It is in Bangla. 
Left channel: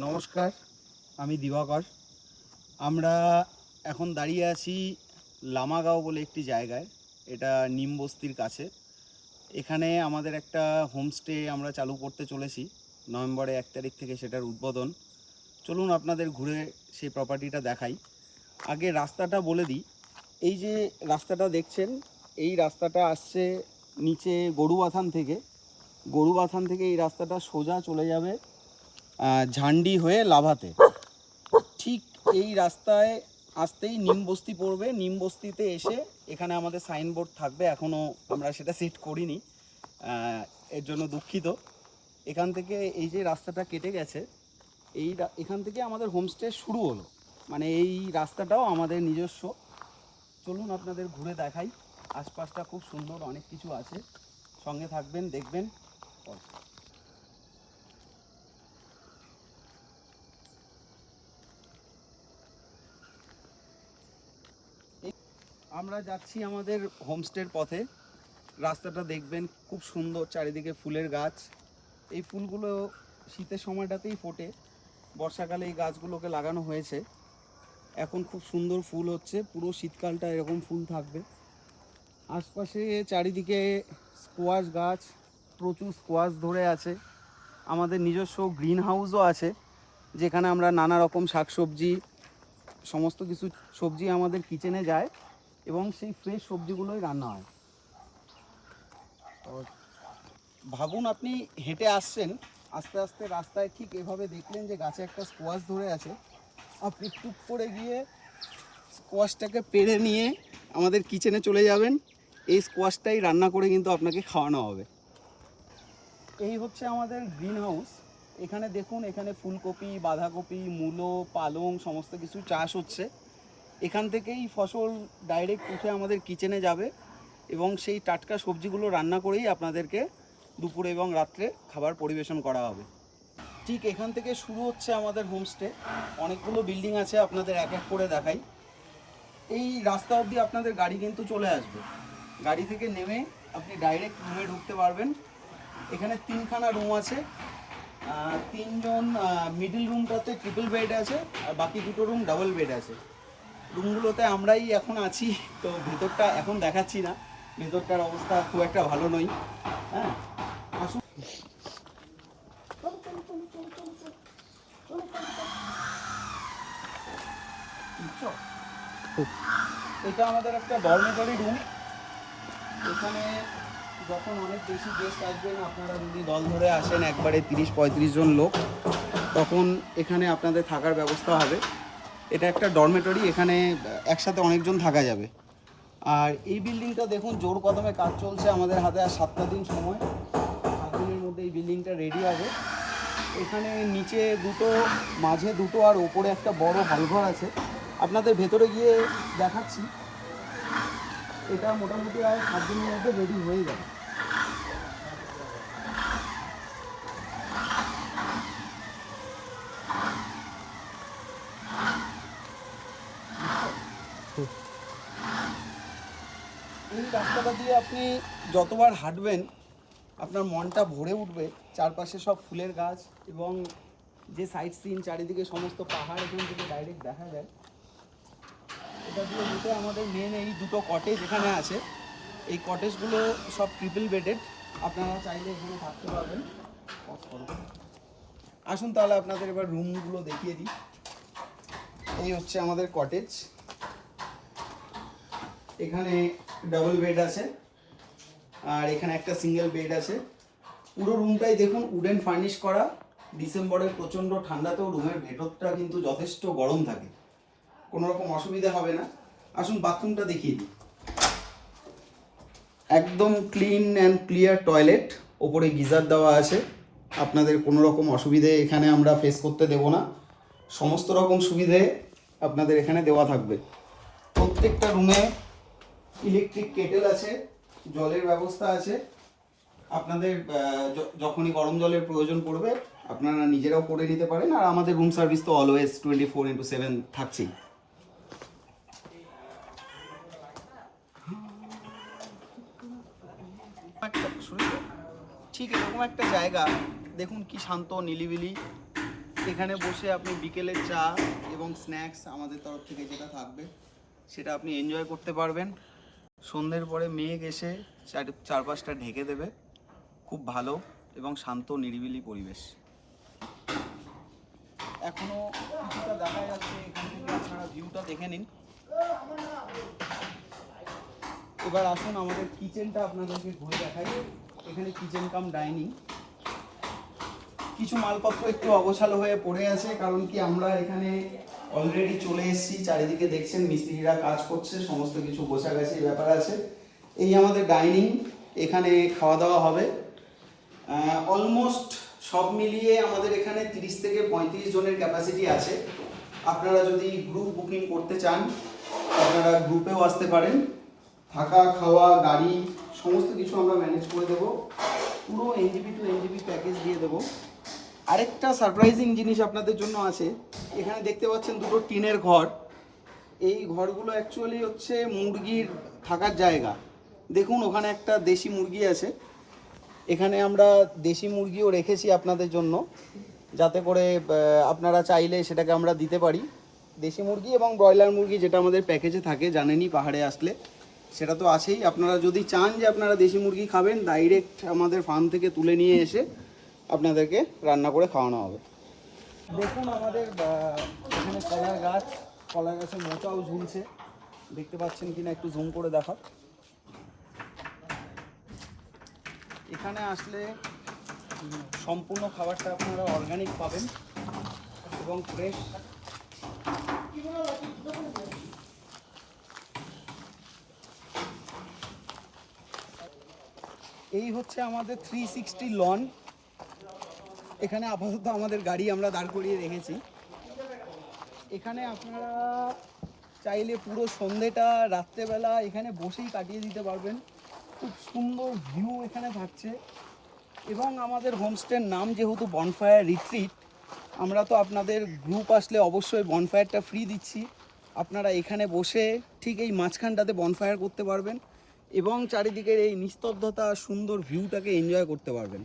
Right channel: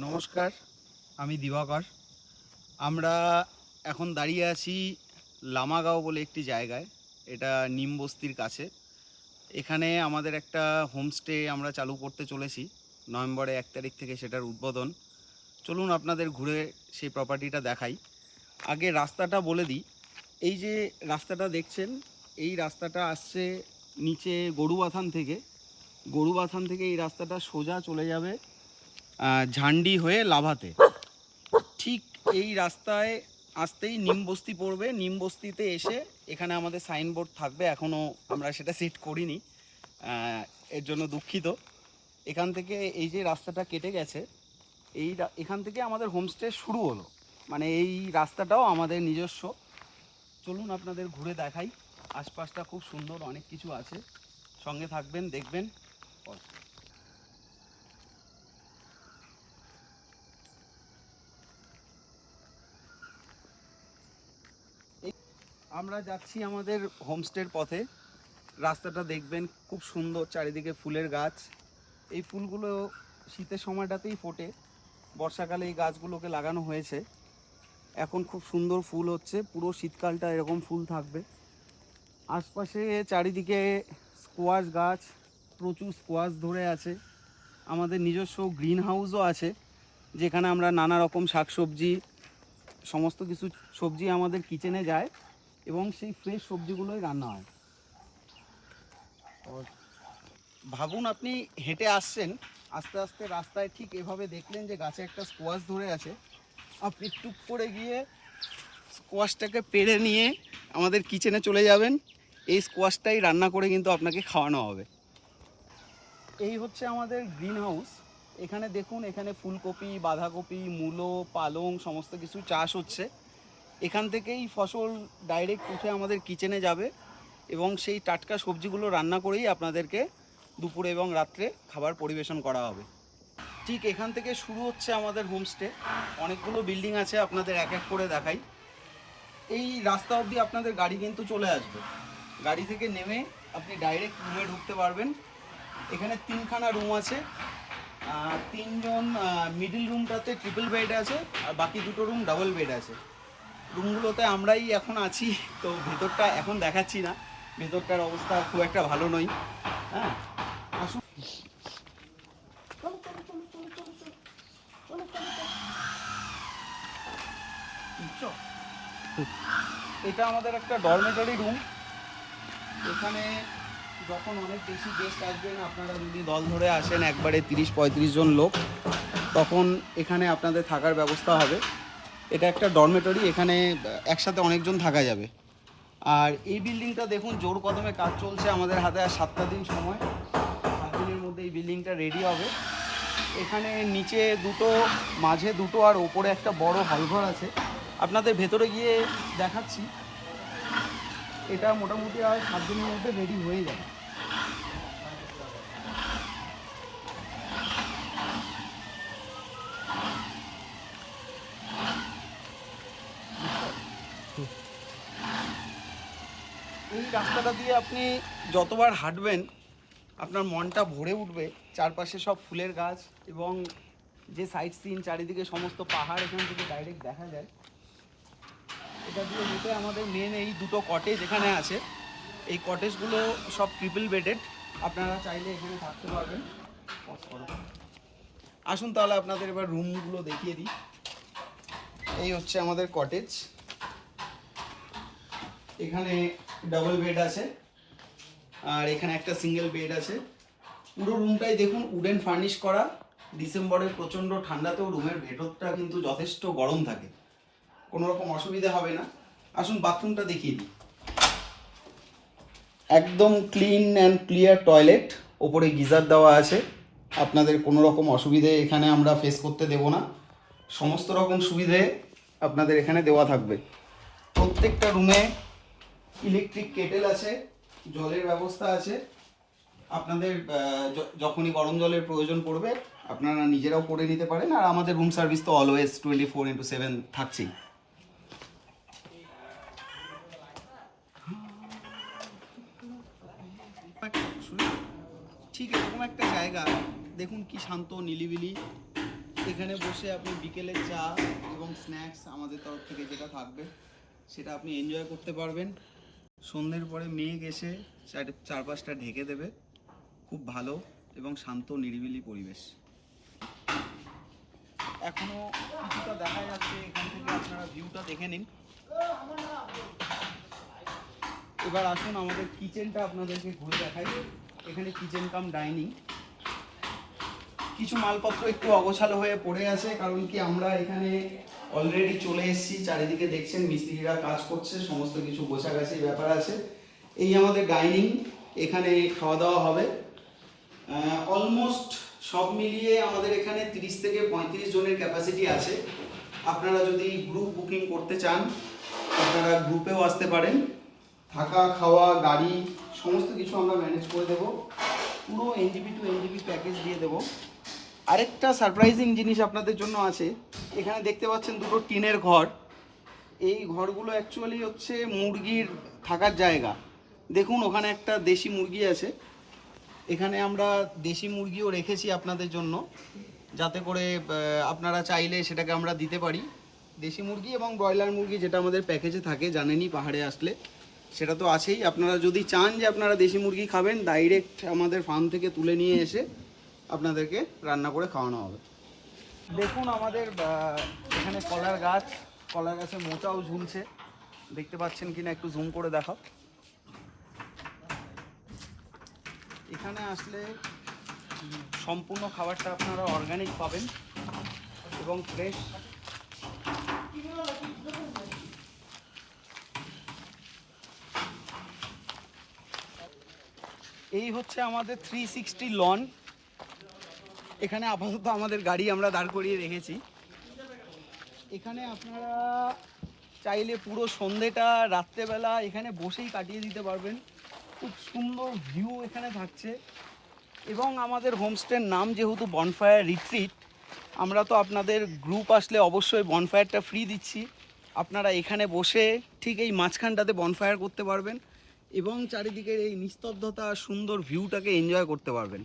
নমস্কার, আমি দিবাকর। আমরা এখন দাঁড়িয়ে আছি লামাগাঁও বলে একটি জায়গায়। এটা নিমবস্তির কাছে। এখানে আমাদের একটা হোমস্টে আমরা চালু করতে চলেছি। নভেম্বরের 1 তারিখ থেকে সেটার উদ্বোধন। চলুন আপনাদের ঘুরে সেই প্রপার্টিটা দেখাই। আগে রাস্তাটা বলে দিই। এই যে রাস্তাটা দেখছেন, এই রাস্তাটা আসছে নিচে গরুবাথান থেকে। গরুবাথান থেকে এই রাস্তাটা সোজা চলে যাবে ঝান্ডি হয়ে লাভাতে। ঠিক এই রাস্তায় আসতেই নিমবস্তি পড়বে। নিমবস্তিতে এসে এখানে আমাদের সাইনবোর্ড থাকবে, এখনও আমরা সেটা সেট করিনি, এর জন্য দুঃখিত। এখান থেকে এই যে রাস্তাটা কেটে গেছে, এখান থেকে আমাদের হোমস্টে শুরু হলো। মানে এই রাস্তাটাও আমাদের নিজস্ব। চলুন আপনাদের ঘুরে দেখাই। আশপাশটা খুব সুন্দর, অনেক কিছু আছে। সঙ্গে থাকবেন, দেখবেন। আমরা যাচ্ছি আমাদের হোমস্টের পথে। রাস্তাটা দেখবেন খুব সুন্দর, চারিদিকে ফুলের গাছ। এই ফুলগুলো শীতের সময়টাতেই ফোটে, বর্ষাকালে এই গাছগুলোকে লাগানো হয়েছে। এখন খুব সুন্দর ফুল হচ্ছে, পুরো শীতকালটা এরকম ফুল থাকবে। আশপাশে চারিদিকে স্কোয়াশ গাছ, প্রচুর স্কোয়াশ ধরে আছে। আমাদের নিজস্ব গ্রিন হাউসও আছে, যেখানে আমরা নানা রকম শাকসবজি, সমস্ত কিছু সবজি আমাদের কিচেনে যায় এবং সেই ফ্রেশ সবজিগুলোই রান্না হয়। ভাবুন আপনি হেঁটে আসছেন, আস্তে আস্তে রাস্তায় ঠিক এভাবে দেখলেন যে গাছে একটা স্কোয়াশ ধরে আছে। আপনি টুক করে গিয়ে স্কোয়াশটাকে পেড়ে নিয়ে আমাদের কিচেনে চলে যাবেন। এই স্কোয়াশটাই রান্না করে কিন্তু আপনাকে খাওয়ানো হবে। এই হচ্ছে আমাদের গ্রিন হাউস। এখানে দেখুন, এখানে ফুলকপি, বাঁধাকপি, মূলো, পালং সমস্ত কিছু চাষ হচ্ছে। এখান থেকেই ফসল ডাইরেক্ট উঠে আমাদের কিচেনে যাবে এবং সেই টাটকা সবজিগুলো রান্না করেই আপনাদেরকে দুপুরে এবং রাত্রে খাবার পরিবেশন করা হবে। ঠিক এখান থেকে শুরু হচ্ছে আমাদের হোমস্টে। অনেকগুলো বিল্ডিং আছে, আপনাদের এক এক করে দেখাই। এই রাস্তা অবধি আপনাদের গাড়ি কিন্তু চলে আসবে। গাড়ি থেকে নেমে আপনি ডাইরেক্ট রুমে ঢুকতে পারবেন। এখানে 3খানা রুম আছে। 3জন, মিডিল রুমটাতে ট্রিপল বেড আছে আর বাকি 2টো রুম ডাবল বেড আছে। রুমগুলোতে আমরাই এখন আছি, তো ভেতরটা এখন দেখাচ্ছি না। ভেতরটার অবস্থা খুব একটা ভালো নয়। হ্যাঁ, আসুন। এটা আমাদের একটা ডরমেটরি রুম। এখানে যখন অনেক বেশি গেস্ট আসবেন, আপনারা যদি দল ধরে আসেন একবারে 30-35 জন লোক, তখন এখানে আপনাদের থাকার ব্যবস্থা হবে। এটা একটা ডরমেটরি, এখানে একসাথে অনেকজন থাকা যাবে। আর এই বিল্ডিংটা দেখুন, জোর কদমে কাজ চলছে। আমাদের হাতে আর 7টা দিন সময়। 7 দিনের মধ্যে এই বিল্ডিংটা রেডি হবে। এখানে নিচে 2টো, মাঝে 2টো আর ওপরে একটা বড় হলঘর আছে। আপনাদের ভেতরে গিয়ে দেখাচ্ছি। এটা মোটামুটি আর 7 দিনের মধ্যে রেডি হয়ে যাবে। এই রাস্তাটা দিয়ে আপনি যতবার হাঁটবেন আপনার মনটা ভরে উঠবে। চারপাশে সব ফুলের গাছ এবং যে সাইট সিন, চারিদিকে সমস্ত পাহাড় এখান থেকে ডাইরেক্ট দেখা যায়। এটা দিয়ে যেতে আমাদের মেন এই 2টো কটেজ এখানে আছে। এই কটেজগুলো সব ট্রিপল বেডেড, আপনারা চাইলে এখানে থাকতে পারবেন। আসুন তাহলে আপনাদের এবার রুমগুলো দেখিয়ে দিই। এই হচ্ছে আমাদের কটেজ। এখানে ডাবল বেড আছে আর এখানে একটা সিঙ্গেল বেড আছে। পুরো রুমটাই দেখুন উডেন ফার্নিশ করা। ডিসেম্বরের প্রচণ্ড ঠান্ডাতেও রুমের ভেতরটা কিন্তু যথেষ্ট গরম থাকে, কোনো রকম অসুবিধা হবে না। আসুন বাথরুমটা দেখিয়ে দিই। একদম ক্লিন অ্যান্ড ক্লিয়ার টয়লেট, ওপরে গিজার দেওয়া আছে। আপনাদের কোনো রকম অসুবিধে এখানে আমরা ফেস করতে দেব না। সমস্ত রকম সুবিধে আপনাদের এখানে দেওয়া থাকবে। প্রত্যেকটা রুমে ইলেকট্রিক কেটেল আছে, জলের ব্যবস্থা আছে। আপনাদের যখনই গরম জলের প্রয়োজন পড়বে আপনারা নিজেরাও করে নিতে পারেন। আর আমাদের রুম সার্ভিস তো অলওয়েজ 24x7 থাকছেই। ঠিক এরকম একটা জায়গা দেখুন, কি শান্ত নিলিবিলি। এখানে বসে আপনি বিকেলের চা এবং স্ন্যাক্স আমাদের তরফ থেকে যেটা থাকবে সেটা আপনি এনজয় করতে পারবেন। সন্ধ্যের পরে মেঘ এসে চারপাশটা ঢেকে দেবে। খুব ভালো এবং শান্ত নিরিবিলি পরিবেশ। এখনো কিছুটা দেখা যাচ্ছে, এখান থেকে আপনারা ভিউটা দেখে নিন। এবার আসুন আমাদের কিচেনটা আপনাদেরকে ঘুরে দেখাই। এখানে কিচেন কাম ডাইনিং। কিছু মালপত্র একটু অগোছালো হয়ে পড়ে আছে, কারণ কি আমরা এখানে অলরেডি চলে এসেছি। চারিদিকে দেখছেন মিস্ত্রিরা কাজ করছে, সমস্ত কিছু গোছাগাছির ব্যাপার আছে। এই আমাদের ডাইনিং, এখানে খাওয়া দাওয়া হবে। অলমোস্ট সব মিলিয়ে আমাদের এখানে 30 থেকে 35 জনের ক্যাপাসিটি আছে। আপনারা যদি গ্রুপ বুকিং করতে চান আপনারা গ্রুপেও আসতে পারেন। থাকা খাওয়া গাড়ি সমস্ত কিছু আমরা ম্যানেজ করে দেবো। পুরো এনজিপি টু এনজিপি প্যাকেজ দিয়ে দেবো। আরেকটা সারপ্রাইজিং জিনিস আপনাদের জন্য আছে। এখানে দেখতে পাচ্ছেন দুটো টিনের ঘর। এই ঘরগুলো অ্যাকচুয়ালি হচ্ছে মুরগির থাকার জায়গা। দেখুন ওখানে একটা দেশি মুরগি আছে। এখানে আমরা দেশি মুরগিও রেখেছি আপনাদের জন্য, যাতে করে আপনারা চাইলে সেটাকে আমরা দিতে পারি। দেশি মুরগি এবং ব্রয়লার মুরগি যেটা আমাদের প্যাকেজে থাকে, জানেনই পাহাড়ে আসলে সেটা তো আছেই। আপনারা যদি চান যে আপনারা দেশি মুরগি খাবেন, ডাইরেক্ট আমাদের ফার্ম থেকে তুলে নিয়ে এসে আপনাদেরকে রান্না করে খাওয়ানো হবে। দেখুন আমাদের এখানে কলার গাছে মোচাও ঝুলছে। দেখতে পাচ্ছেন কিনা একটু জুম করে দেখাও। এখানে আসলে সম্পূর্ণ খাবারটা আপনারা অর্গানিক পাবেন এবং ফ্রেশ। এই হচ্ছে আমাদের 360 লন। এখানে আপাতত আমাদের গাড়ি আমরা দাঁড় করিয়ে রেখেছি। এখানে আপনারা চাইলে পুরো সন্ধেটা রাত্রেবেলা এখানে বসেই কাটিয়ে দিতে পারবেন। খুব সুন্দর ভিউ এখানে থাকছে। এবং আমাদের হোমস্টের নাম যেহেতু বনফায়ার রিট্রিট, আমরা তো আপনাদের গ্রুপ আসলে অবশ্যই বনফায়ারটা ফ্রি দিচ্ছি। আপনারা এখানে বসে ঠিক এই মাঝখানটাতে বনফায়ার করতে পারবেন এবং চারিদিকের এই নিস্তব্ধতা সুন্দর ভিউটাকে এনজয় করতে পারবেন।